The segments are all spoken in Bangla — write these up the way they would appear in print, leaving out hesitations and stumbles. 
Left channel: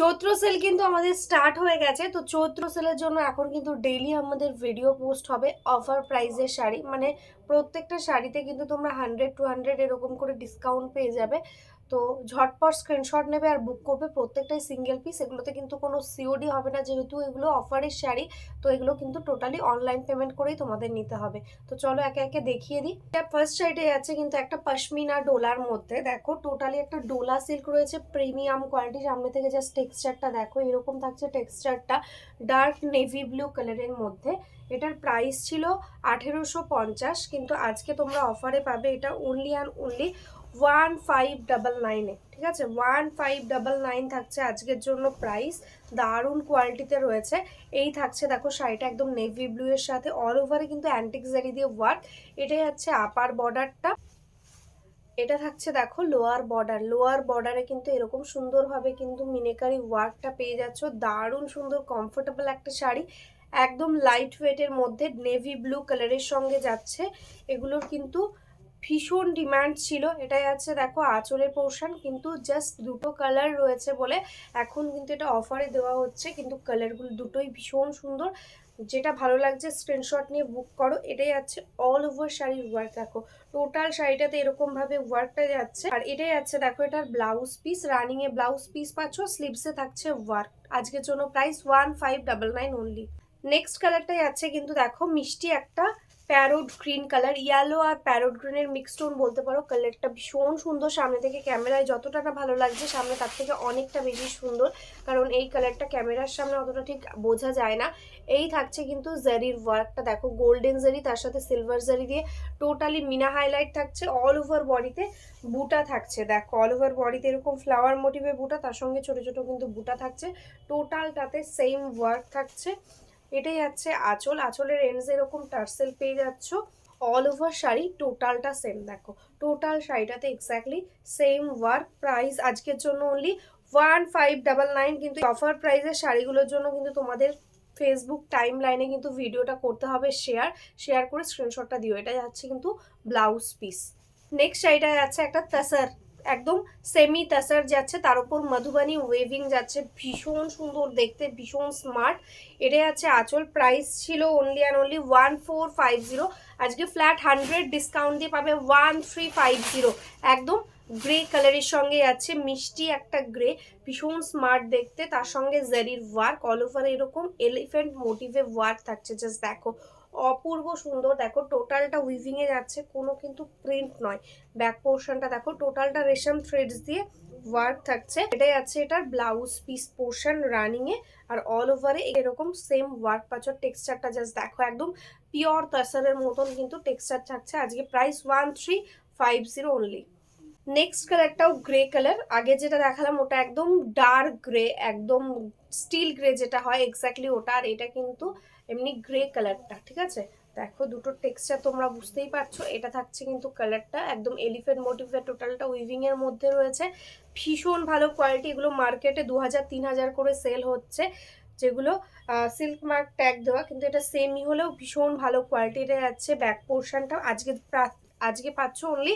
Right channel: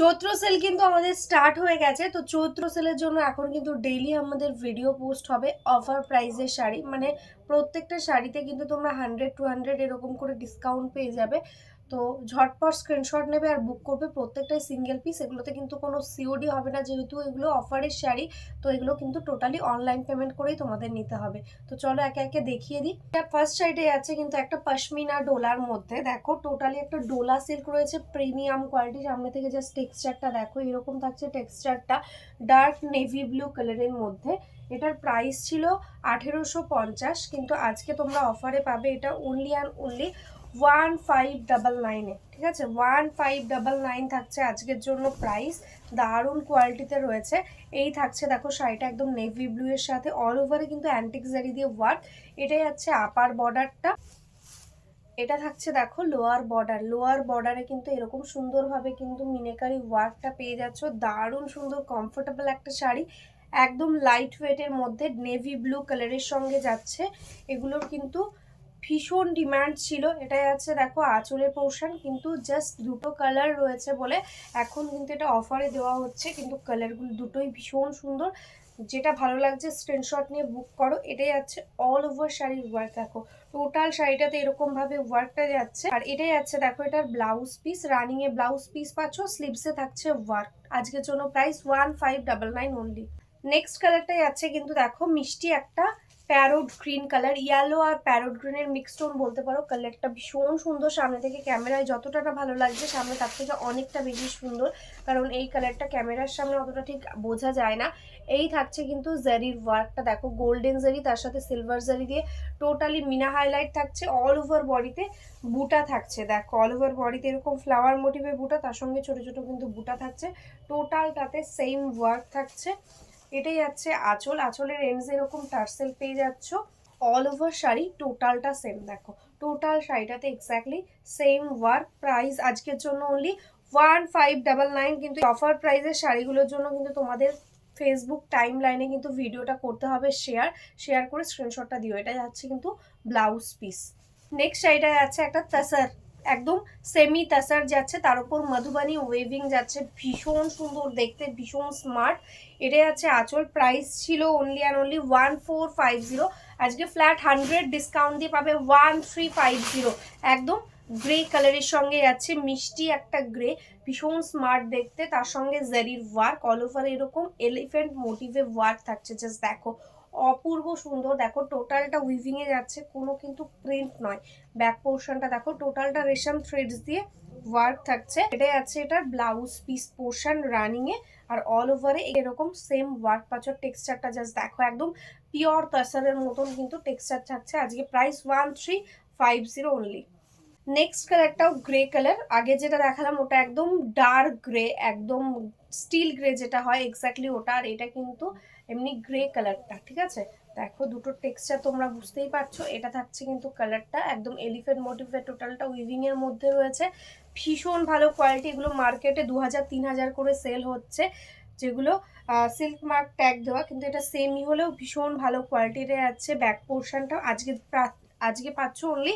চৈত্র সেল কিন্তু আমাদের স্টার্ট হয়ে গেছে। তো চৈত্র সেলের জন্য এখন কিন্তু ডেইলি আমাদের ভিডিও পোস্ট হবে অফার প্রাইসের শাড়ি, মানে প্রত্যেকটা শাড়িতে কিন্তু তোমরা 100 200 এরকম করে ডিসকাউন্ট পেয়ে যাবে। তো ঝটপট স্ক্রিনশট নেবে আর বুক করবে, প্রত্যেকটাই সিঙ্গেল পিস। এগুলোতে কিন্তু কোনো সিওডি হবে না, যেহেতু এগুলো অফারের শাড়ি। তো এগুলো কিন্তু টোটালি অনলাইন পেমেন্ট করেই তোমাদের নিতে হবে। তো চলো একে একে দেখিয়ে দিই। ফার্স্ট শাড়িতে আছে কিন্তু একটা পশমিনা ডোলার মধ্যে, দেখো টোটালি একটা ডোলা সিল্ক রয়েছে, প্রিমিয়াম কোয়ালিটি। সামনে থেকে জাস্ট টেক্সচারটা দেখো, এরকম থাকছে টেক্সচারটা, ডার্ক নেভি ব্লু কালারের মধ্যে। এটার প্রাইস ছিল 1850, কিন্তু আজকে তোমরা অফারে পাবে এটা অনলি অ্যান্ড অনলি 1599-এ। ঠিক আছে, 1599 থাকছে আজকের জন্য প্রাইস। দারুণ কোয়ালিটিতে রয়েছে। এই থাকছে দেখো শাড়িটা একদম নেভি ব্লু এর সাথে, অল ওভারে কিন্তু অ্যান্টিক জারি দিয়ে ওয়ার্ক। এটাই হচ্ছে আপার বর্ডারটা। এটা থাকছে দেখো লোয়ার বর্ডার। লোয়ার বর্ডারে কিন্তু এরকম সুন্দরভাবে কিন্তু মিনেকারি ওয়ার্কটা পেয়ে যাচ্ছ। দারুণ সুন্দর কমফোর্টেবল একটা শাড়ি, একদম লাইট ওয়েটের মধ্যে নেভি ব্লু কালারের সঙ্গে যাচ্ছে। এগুলোর কিন্তু ভীষণ ডিমান্ড ছিল। এটাই আছে দেখো আঁচলের পোর্শন, কিন্তু জাস্ট দুটো কালার রয়েছে বলে এখন কিন্তু এটা অফারে দেওয়া হচ্ছে। কিন্তু কালারগুলো দুটোই ভীষণ সুন্দর, যেটা ভালো লাগছে স্ক্রিনশট নিয়ে বুক করো। এটাই আছে অল ওভার শাড়ির ওয়ার্ক, দেখো টোটাল শাড়িটাতে এরকম ভাবে ওয়ার্কটা যাচ্ছে। আর এটাই আছে দেখো এটার ব্লাউজ পিস, রানিং এ ব্লাউজ পিস পাচ্ছ, স্লিভসে থাকছে ওয়ার্ক। আজকের জন্য প্রাইস 1599 অনলি। নেক্সট কালারটাই আছে কিন্তু দেখো মিষ্টি একটা প্যারোট গ্রিন কালার, ইয়েলো আর প্যারোট গ্রিনের মিক্স টোন বলতে পারো। কালারটা ভীষণ সুন্দর, সামনে থেকে ক্যামেরায় যতটা না ভালো লাগছে সামনে তার থেকে অনেকটা বেশি সুন্দর, কারণ এই কালারটা ক্যামেরার সামনে অতটা ঠিক বোঝা যায় না। এই থাকছে কিন্তু জারির ওয়ার্কটা দেখো, গোল্ডেন জারি তার সাথে সিলভার জারি দিয়ে টোটালি মিনা হাইলাইট থাকছে। অল ওভার বডিতে বুটা থাকছে, দেখো অল ওভার বডিতে এরকম ফ্লাওয়ার মোটিভের বুটা, তার সঙ্গে ছোট ছোট কিন্তু বুটা থাকছে। টোটালটাতে সেম ওয়ার্ক থাকছে। এটাই আছে আঁচল, আঁচলের এন্ডস এরকম টার্সেল পেয়ে যাচ্ছ। অল ওভার শাড়ি টোটালটা সেম, দেখো টোটাল শাড়িটাতে এক্স্যাক্টলি সেম ওয়ার্ক। প্রাইস আজকের জন্য অনলি 1599। কিন্তু অফার প্রাইসের শাড়িগুলোর জন্য কিন্তু তোমাদের ফেসবুক টাইম লাইনে কিন্তু ভিডিওটা করতে হবে শেয়ার করে স্ক্রিনশটটা দিও। এটা যাচ্ছে কিন্তু ব্লাউজ পিস। নেক্সট শাড়িটা যাচ্ছে একটা তাসার, একদম সেমি তাসার যাচ্ছে, তার উপর মধুবানি ওয়েভিং যাচ্ছে, ভীষণ সুন্দর দেখতে, ভীষণ স্মার্ট। এটা যাচ্ছে আঁচল। প্রাইস ছিল অনলি অ্যান্ড অনলি 1450, আজকে ফ্ল্যাট 100 ডিসকাউন্ট দিয়ে পাবে 1350। একদম গ্রে কালারের সঙ্গে যাচ্ছে, মিষ্টি একটা গ্রে, ভীষণ স্মার্ট দেখতে, তার সঙ্গে জারির ওয়ার্ক, অল ওভার এরকম এলিফ্যান্ট মোটিভে ওয়ার্ক থাকছে। জাস্ট দেখো অপূর্ব সুন্দর, দেখো টোটালটা উইভিং এ যাচ্ছে, কোনো কিন্তু প্রিন্ট নয়। ব্যাক পোর্শনটা দেখো টোটালটা রেশম থ্রেডস দিয়ে ওয়ার্ক থাকছে। এটাই আছে এটার ব্লাউজ পিস পোর্শন রানিং এ, আর অল ওভারে এরকম সেম ওয়ার্ক পাচ্ছ। টেক্সচারটা জাস্ট দেখো একদম পিওর তাসারের মতন কিন্তু টেক্সচার থাকছে। আজকে প্রাইস 1350 অনলি। নেক্সট কালারটাও গ্রে কালার, আগে যেটা দেখালাম ওটা একদম ডার্ক গ্রে, একদম স্টিল গ্রে যেটা হয় এক্স্যাক্টলি ওটা, আর এটা কিন্তু এমনি গ্রে কালারটা। ঠিক আছে, দেখো দুটো টেক্সচার তোমরা বুঝতেই পারছো। এটা থাকছে কিন্তু কালারটা একদম এলিফ্যান্ট মোটিভের, টোটালটা উইভিং এর মধ্যে রয়েছে, ভীষণ ভালো কোয়ালিটি। এগুলো মার্কেটে 2000 3000 করে সেল হচ্ছে, যেগুলো সিল্ক মার্ক ট্যাগ দেওয়া, কিন্তু এটা সেমই হলেও ভীষণ ভালো কোয়ালিটিতে যাচ্ছে। ব্যাক পোর্শনটা আজকে পাচ্ছ only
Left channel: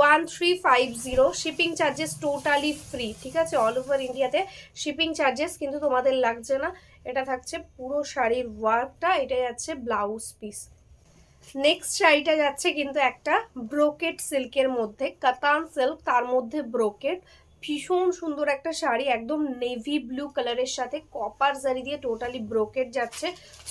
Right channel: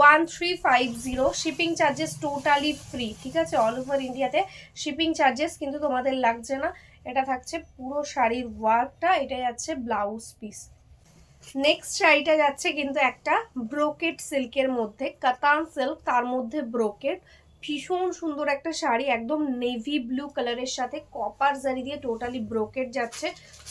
1350। Shipping charges totally free. ঠিক আছে, অল ওভার ইন্ডিয়াতে শিপিং চার্জেস কিন্তু তোমাদের লাগছে না। এটা থাকছে পুরো শাড়ির ওয়ার্কটা, এটা যাচ্ছে ব্লাউজ পিস। নেক্সট শাড়িটা যাচ্ছে কিন্তু একটা ব্রোকেট সিল্কের মধ্যে, কাতান সিল্ক তার মধ্যে ব্রোকেট, ভীষণ সুন্দর একটা শাড়ি, একদম নেভি ব্লু কালারের সাথে কপার জারি দিয়ে টোটালি ব্রোকেট যাচ্ছে।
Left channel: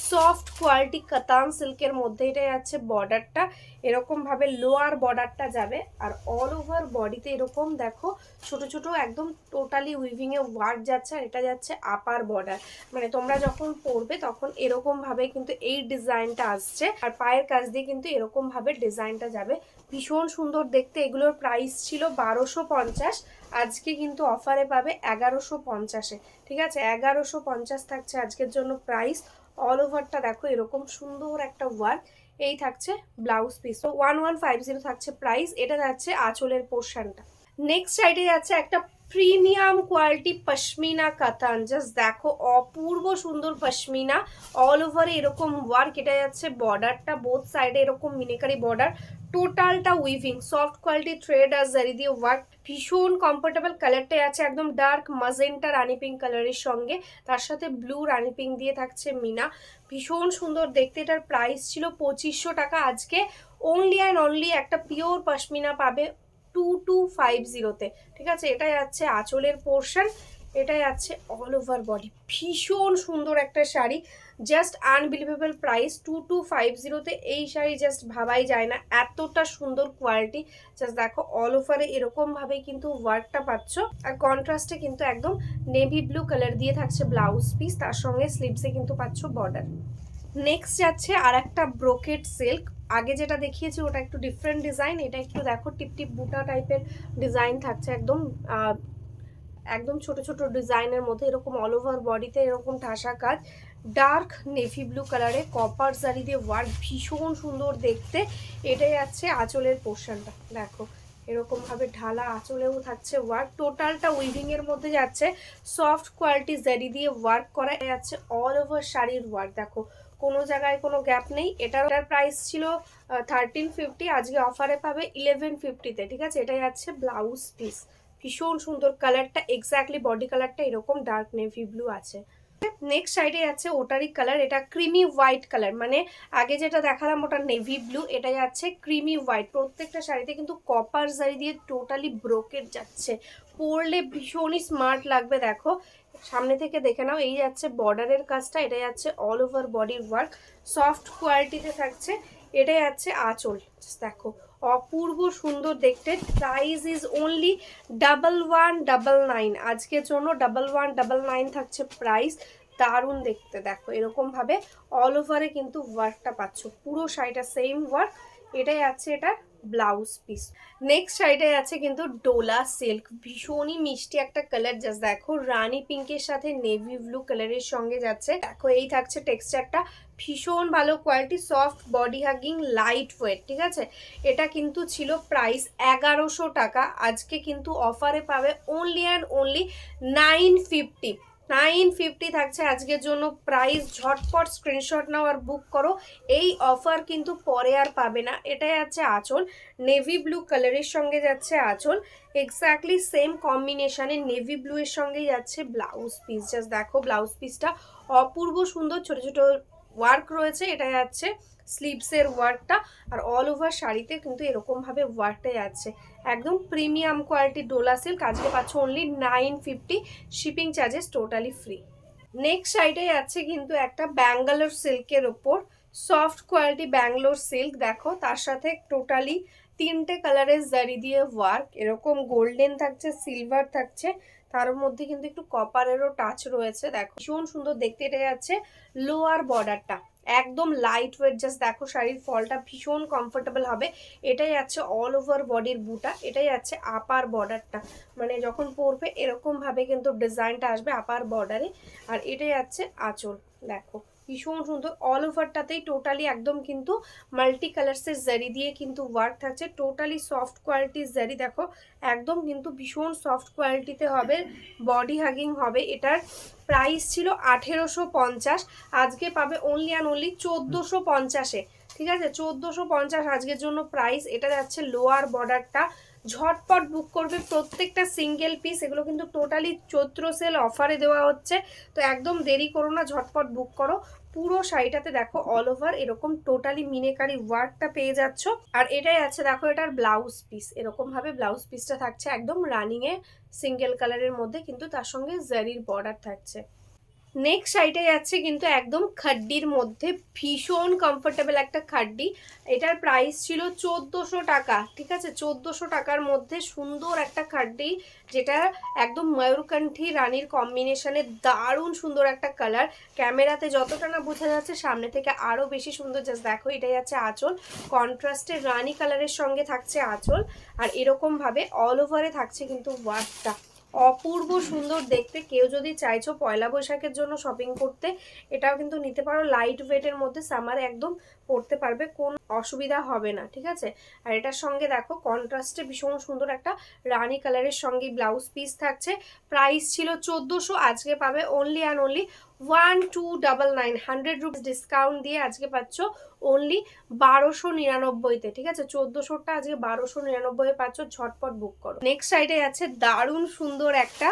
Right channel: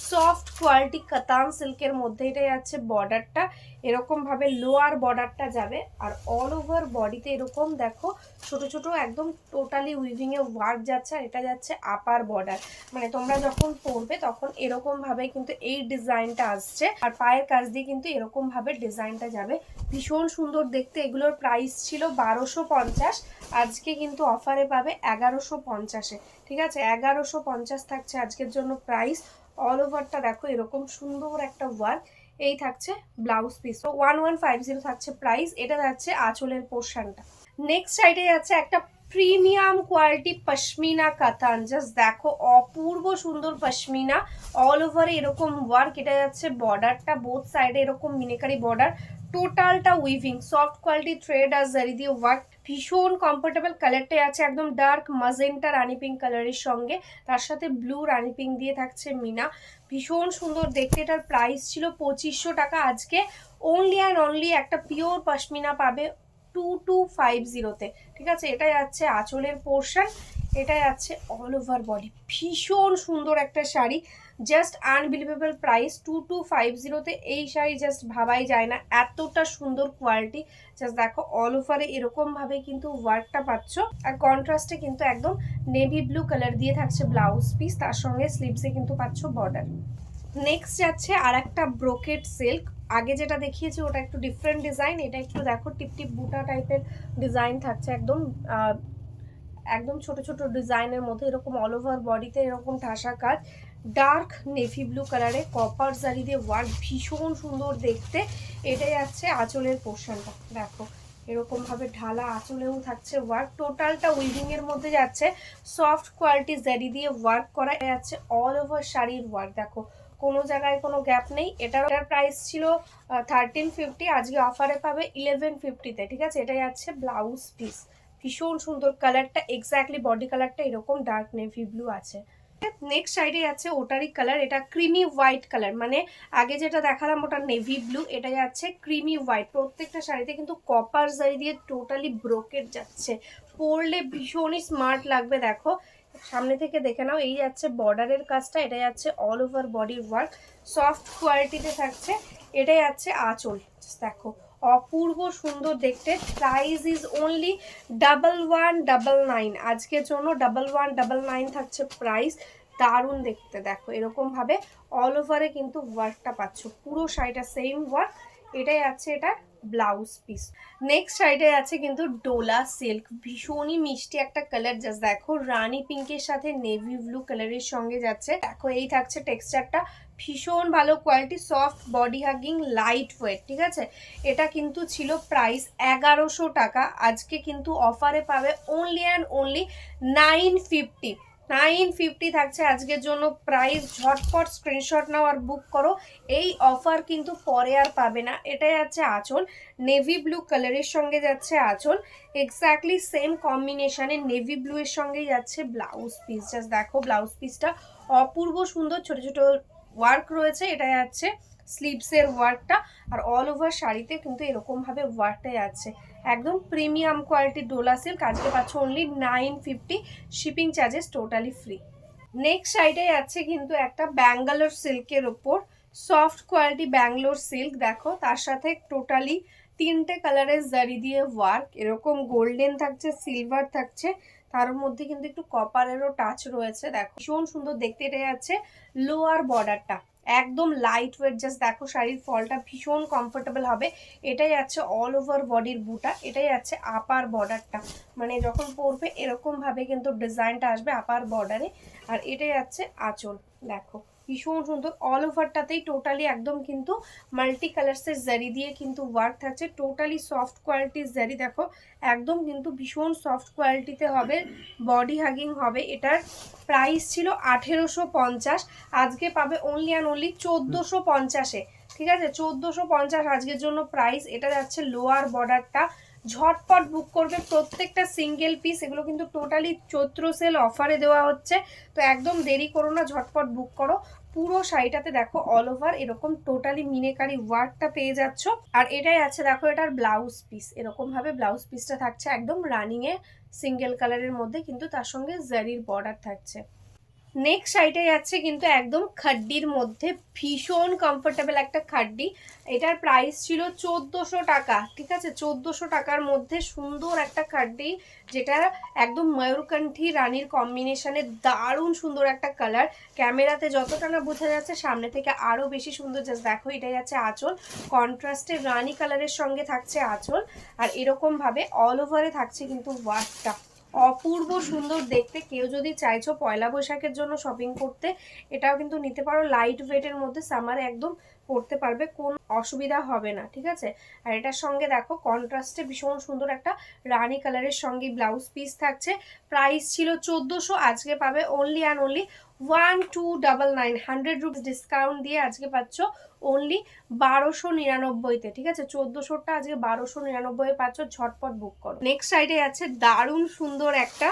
সফট কোয়ালিটি কাতান সিল্কের মধ্যে। এটা যাচ্ছে বর্ডারটা, এরকম ভাবে লোয়ার বর্ডারটা যাবে, আর অল ওভার বডিতে এরকম দেখো ছোট ছোট একদম টোটালি উইভিং এ ওয়ার্ক যাচ্ছে। আর এটা যাচ্ছে আপার বর্ডার, মানে তোমরা যখন পরবে তখন এরকম ভাবে কিন্তু এই ডিজাইনটা আসছে, আর পায়ের কাছ দিয়ে কিন্তু এরকম ভাবে ডিজাইনটা যাবে, ভীষণ সুন্দর দেখতে। এগুলোর প্রাইস ছিল 1250, আজকে কিন্তু অফারে পাবে 1150-এ। ঠিক আছে, 1150 থাকছে আজকের জন্য প্রাইস। অল ওভারটা দেখো এরকম সুন্দর একটা ওয়ার্ক। এই থাকছে ব্লাউজ পিস। তো 1150 থাকছে প্রাইস। এটা যাচ্ছে আঁচলের পোর্শনটা। নেক্সট সাইডে যাচ্ছে একটা প্রিমিয়াম কোয়ালিটি পশমিনা কাতান, জাস্ট দেখো অপূর্ব সুন্দর পশমিনা, অল ওভারে এরকম ওয়ার্ক। এটা যাচ্ছে বর্ডারটা, বোথ সাইডে এরকম মিনিকারি বর্ডার, টোটালটা উইভিং, সফট কোয়ালিটি থ্রেড আর জারি দিয়ে ওয়ার্ক, ভীষণ কমফোর্টেবল। কালারটাই আছে একদম ডার্ক মাজেন্টা রানি পিঙ্ক কালারের সঙ্গে, তার সাথে ব্লু রানি পিঙ্ক দিয়ে থাকছে মিনা, ভীষণ সুন্দর দেখতে। এটার প্রাইস ছিল 2500 টাকা, আজকে অনলি অ্যান্ড অনলি একটা পিওর পশমিনা পাবে 2250-তে। ঠিক আছে, এটাই আছে আঁচলের পোর্শন, এটাই আছে অল ওভার বডি, ভীষণ সুন্দর একটা শাড়ি, জাস্ট আনবিলিভেবল প্রাইস 2250-তে। এই শাড়ি জাস্ট ভাবাই যায় না, এতটা সুন্দর কোয়ালিটি। জাস্ট দেখো অল ওভারে এরকমভাবে কিন্তু ওয়ার্কটা পাচ্ছ, আর কন্ট্রাস্টে কিন্তু একদম নেভি ব্লু কালার দিয়ে থাকছে ব্লাউজ পিস, তার সঙ্গে স্লিভসে কিন্তু পাচ্ছ বর্ডার। নেক্সট যাচ্ছে আর একটা ব্রোকেট সিল্ক, আগে যেটা দেখিয়েছি ওটা একটু ডিফারেন্ট ডিজাইন, এটা একটু দেখো টিপটিপ বুটা টাইপের ডিজাইন থাকছে, একদম একদম ছোট ছোট ডিজাইনের মধ্যে, এরকম অল ওভার বডিতে এরকম ঠাসা কাজ, ডার্ক নেভি ব্লু কালারে কপার জারি দিয়ে ওয়ার্ক, ভীষণ সুন্দর দেখতে। এটাই আছে আঁচলের পোর্শনটা, দেখো এরকম ভাবে ঢালা আঁচলেও থাকছে ওয়ার্ক, টোটালটা উইভিং এর মধ্যে যাচ্ছে, সফট কোয়ালিটি জারি দিয়ে ওয়ার্ক করা যাচ্ছে, অল ওভার শাড়ির ওয়ার্ক, দেখো কোনো জায়গায় কোনো গ্যাপ নেই। এটার প্রাইস ছিল 1350, আজকে অফারে পাবে 1150-তে। ঠিক আছে, এটাই আছে ব্লাউজ পিস, ভীষণ সুন্দর কালারটা, এক্স্যাক্টলি বডি কালারটা এরকম ডার্ক নেভি ব্লু আছে। নেক্সট সাইডে আছে ওটারই কালার, এটা ক্রিমি হোয়াইট কালার, মানে আগে যেটা দেখালাম ওটা নেভি ব্লু, এটা যাচ্ছে ক্রিমি হোয়াইট। প্রত্যেকটা শাড়িতে কিন্তু কপার জারি দিয়ে টোটালি ব্রোকেট যাচ্ছে, পরলে ভীষণই স্মার্ট লাগবে। দেখো সামনে থেকে দেখে নাও, এই যাচ্ছে বর্ডারের কাজটা, এটা যাচ্ছে অল ওভার বডির ওয়ার্ক, সফট কোয়ালিটিতে থাকছে, এটাই যাচ্ছে আঁচল, দেখো অপূর্ব সুন্দর দেখতে। প্রাইস ইজ অনলি 1199, আজকের জন্য 1199 থাকছে প্রাইস, দারুণ দেখতে। দেখো এরকম ভাবে অল ওভারে কিন্তু ওয়ার্কটা পাচ্ছ, পুরো শাড়িটা সেম ওয়ার্ক, এটাই আছে এটা ব্লাউজ পিস। নেক্সট শাড়িটা আছে কিন্তু ডোলা সিল্ক, ভীষণই মিষ্টি একটা কালার, জাস্ট দেখো রানী পিঙ্কের সাথে নেভি ব্লু কালারের সঙ্গে যাচ্ছে। দেখো এই থাকছে টেক্সচারটা, ভীষণ ভালো quality, soft body hugging, light weight. ঠিক আছে, এটা কিন্তু ছিল প্রাইস 1100 টাকা, আজকে কিন্তু অফারে পাবে অনলি অ্যান্ড অনলি 950। 950 থাকছে আজকের জন্য প্রাইস, ঝটপট স্ক্রিনশট নাও আর বুক করো, এই অফার কিন্তু পরে আর পাবে না। এটাই আছে আঁচল, নেভি ব্লু কালারের সঙ্গে যাচ্ছে আঁচল, এক্স্যাক্টলি সেম কম্বিনেশনে নেভি ব্লু এর সঙ্গেই যাচ্ছে ব্লাউজ পিস। জাস্ট দেখো ব্লাউজ পিসটা অপূর্ব সুন্দর, ছোট ছোট ওয়ার্ক রয়েছে, এটা যাচ্ছে স্লিভসের ওয়ার্কটা, আর অল ওভার শাড়িতে কিন্তু এরকমভাবে ওয়ার্কটাই আছে, একদম প্রিমিয়াম কোয়ালিটি ডোলা সিল্ক, আজকে পাচ্ছ only 950, shipping charges totally free. Next সাইডে আছে কিন্তু একটা ব্যাঙ্গালোর সিল্কের ওপর, সফট কোয়ালিটি ব্যাঙ্গালোর সিল্ক, দেখো তার সাথে টোটালি 3টে কালারের জারি দিয়ে ওয়ার্ক, এরকম গোল্ডেন থাকছে, সিলভার থাকছে, তার মধ্যে কিন্তু একটু কপারেরও টাচ রয়েছে, দেখো ভীষণ সুন্দর দেখতে। এটা যাচ্ছে লোয়ার বর্ডারটা, একদম লাইট ওয়েট, জাস্ট দেখো শাড়ির ফলটা ভীষণ কমফোর্টেবল হবে। এটাই আছে অল ওভার বডির বুটা, এটাই আছে আপার বর্ডারটা, মানে যখন পরবে এরকম ভাবে কিন্তু ডিজাইনটা আসবে আপার বর্ডারে, আর এটাই আছে আঁচল, দেখো ভীষণ সুন্দর, অল ওভারটাতেই টোটালি একদম কিন্তু মাল্টি কালার্সের জারি দিয়ে কিন্তু ওয়ার্ক থাকছে, টোটালি সফট কোয়ালিটির জারি, দেখো একদম কিন্তু ভীষণ সফট কোয়ালিটিতে হবে, বডি হাগিং হবে। এটার প্রাইস ছিল 1850, আজকে পাবে অনলি অ্যান্ড অনলি 1450-এ। ঠিক আছে, 1450 আজকের জন্য প্রাইস। এটা যাচ্ছে লোয়ার বর্ডারটা, ঝটপট বুক করবে, প্রত্যেকটা সিঙ্গেল পিস, এগুলো কিন্তু টোটালি চৈত্র সেল অফারে দেওয়া হচ্ছে, তো একদম দেরি করো না, ঝটপট বুক করো। পুরো শাড়িটাতে দেখো অল ওভার এরকম টোটালি মিনেকারি ওয়ার্কটা পেয়ে যাচ্ছ, আর এটাই আছে দেখো এটার ব্লাউজ পিস, এরকম ভাবে ব্লাউজ পিসটা থাকছে একদম রানিং এ সিঙ্গেল কালারের মধ্যে, কিন্তু তার সঙ্গে জারির বর্ডার থাকছে। নেক্সট শাড়িটাই আছে কিন্তু একদম খাড্ডির মধ্যে, ভীষণ কমফোর্টেবল একটা খাড্ডি, এটার প্রাইস ছিল 1400 টাকা। ঠিক আছে, 1400 টাকার মধ্যে সুন্দর একটা খাড্ডি, যেটা একদম ময়ূরকণ্ঠী রানীর কম্বিনেশনে, দারুণ সুন্দর একটা কালার, ক্যামেরাতে যতটা না বোঝা যাচ্ছে সামনে থেকে আরও বেশি সুন্দর। জাস্ট দেখো এটাই আছে আঁচল, কন্ট্রাস্টে রানী কালারের সঙ্গে থাকছে আঁচল, আর এরকমভাবে অল ওভারে থাকছে কিন্তু ওয়ার্কটা, অপূর্ব সুন্দর দেখতে। কেউ যদি চাইছো পয়লা বৈশাখের জন্য শপিং করতে, এটাও কিন্তু নিতে পারো, লাইট ওয়েটের মধ্যে, সামারে একদম পরতে পারবে, কোন অসুবিধা হবে না, ঠিক আছে। আর এটার সঙ্গে দেখো কন্ট্রাস্টে ভীষণ সুন্দর একটা রানী কালারের সঙ্গে ব্লাউজ পিস থাকছে। প্রাইস ছিল 1400, আজকে পাবে only and only 1299, 100 rupees discount দিয়ে আজকে পাচ্ছ অনলি 1299-তে, ঠিক আছে। 1400টা আজকে 1299-এ পাচ্ছ, ঝটপট বুক করো। নেক্সট সাইডে আছে দারুণ সুন্দর একটা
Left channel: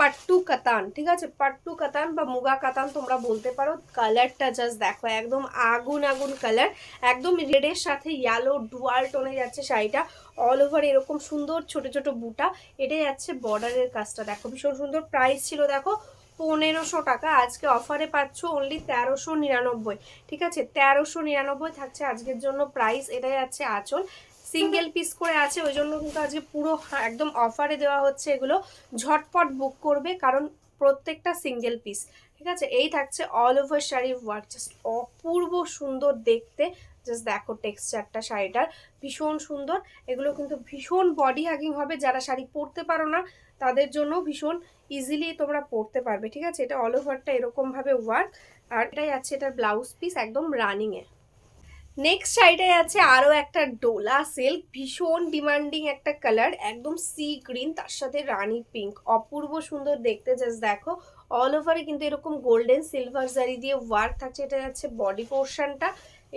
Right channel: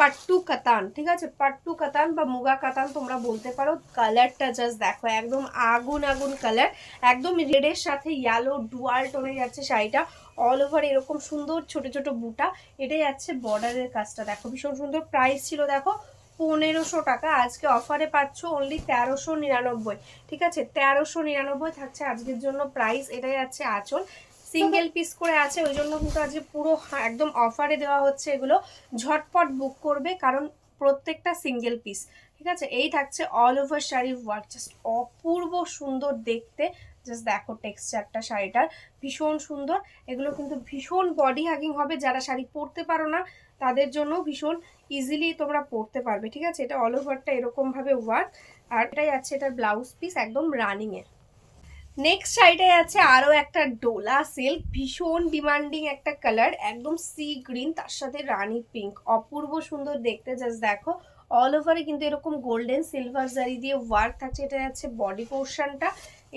পাট্টু কাতান, ঠিক আছে, পাট্টু কাতান বা মুগা কাতান তোমরা বলতে পারো। কালারটা জাস্ট দেখো, একদম আগুন আগুন কালার, একদম রেডের সাথে ইয়েলো ডুয়াল টোনে যাচ্ছে শাড়িটা। অল ওভার এরকম সুন্দর ছোট ছোট বুটা, এটাই যাচ্ছে বর্ডারের কাজটা দেখো, ভীষণ সুন্দর। প্রাইস ছিল দেখো 1500 টাকা, আজকে অফারে পাচ্ছ অনলি 1399, ঠিক আছে। 1399 থাকছে আজকের জন্য প্রাইস। এটাই যাচ্ছে আঁচল, সিঙ্গেল পিস করে আছে, ওই জন্য কিন্তু আজকে পুরো একদম অফারে দেওয়া হচ্ছে। এগুলো ঝটপট বুক করবে কারণ প্রত্যেকটা সিঙ্গেল পিস, ঠিক আছে। এই থাকছে অল ওভার শাড়ির ওয়ার্ক, জাস্ট অপূর্ব সুন্দর দেখতে। জাস্ট দেখো টেক্সচারটা শাড়িটার ভীষণ সুন্দর। এগুলো কিন্তু ভীষণ বডি হাগিং হবে, যারা শাড়ি পরতে পারো না তাদের জন্য ভীষণ ইজিলি তোমরা পরতে পারবে, ঠিক আছে। এটা অল ওভারটা এরকমভাবে ওয়ার্ক, আর এটাই আছে এটার ব্লাউজ পিস একদম রানিংয়ে। নেক্সট সাইডে আছে আরো একটা ডোলা সিল্ক, ভীষণ ডিমান্ডিং একটা কালার, একদম সি গ্রিন, তার সাথে রানী পিঙ্ক, অপূর্ব সুন্দর দেখতে। জাস্ট দেখো অল ওভারে কিন্তু এরকম গোল্ডেন সিলভার জারি দিয়ে ওয়ার্ক থাকছে। এটা যাচ্ছে বডি পোর্শনটা,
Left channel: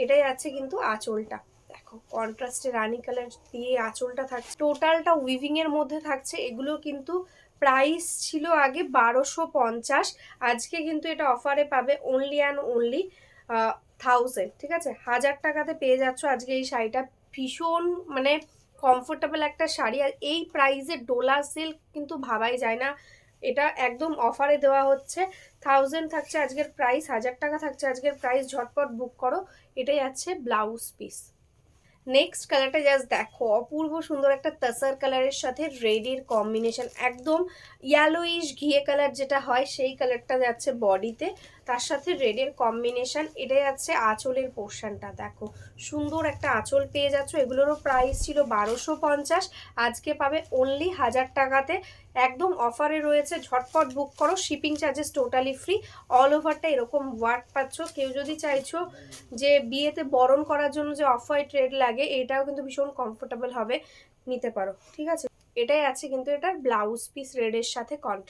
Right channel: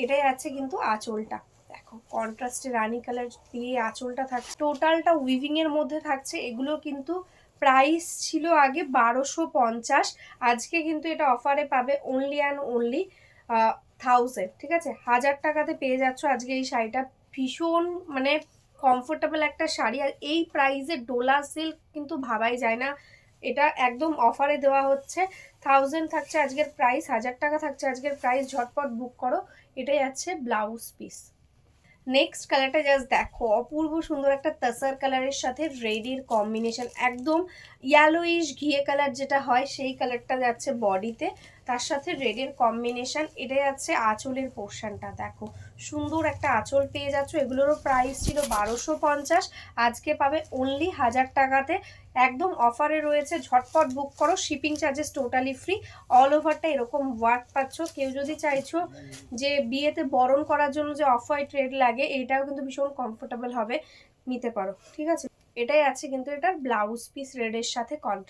এটাই আছে কিন্তু আঁচলটা দেখো কন্ট্রাস্টে রানী কালার দিয়ে আঁচলটা থাকছে। টোটালটা উইভিং এর মধ্যে থাকছে। এগুলো কিন্তু প্রাইস ছিল আগে 1250, আজকে কিন্তু এটা অফারে পাবে অনলি অ্যান্ড অনলি 1000, ঠিক আছে। 1000 টাকাতে পেয়ে যাচ্ছ আজকে এই শাড়িটা। ভীষণ মানে কমফোর্টেবল একটা শাড়ি, আর এই প্রাইসে ডোলা সিল্ক কিন্তু ভাবাই যায় না। এটা একদম অফারে দেওয়া হচ্ছে। 1000 থাকছে আজকের প্রাইস, 1000 টাকা থাকছে আজকের প্রাইস, ঝটপট বুক করো। এটাই আছে ব্লাউজ পিস। নেক্সট কালারটা জাস্ট দেখো, অপূর্ব সুন্দর একটা তাসার কালারের সাথে রেডের কম্বিনেশন, একদম ইয়েলোইশ ঘিয়ে কালার যেটা হয় সেই কালারটা যাচ্ছে বডিতে, তার সাথে রেডের কম্বিনেশন। এটাই যাচ্ছে আঁচলের পোর্শনটা দেখো, সুন্দর একটা আঁচল পেয়ে যাচ্ছ। এগুলোরও প্রাইস ছিল 1250, আজকে পাবে অনলি 1000 টাকাতে, একদম অফারে রয়েছে। ঝটপট বুক করো, shipping charges totally free. All ওভারটা এরকম ওয়ার্ক পাচ্ছ। কেউ যদি চাইছো যে বিয়েতে বরণ করার জন্য যে অফ হোয়াইট রেড লাগে, এটাও কিন্তু ভীষণ কমফোর্টেবল হবে, নিতে পারো, ঠিক আছে। এটাই আছে কিন্তু এটার ব্লাউজ পিস রেডের সাথে কন্ট্রাস্ট।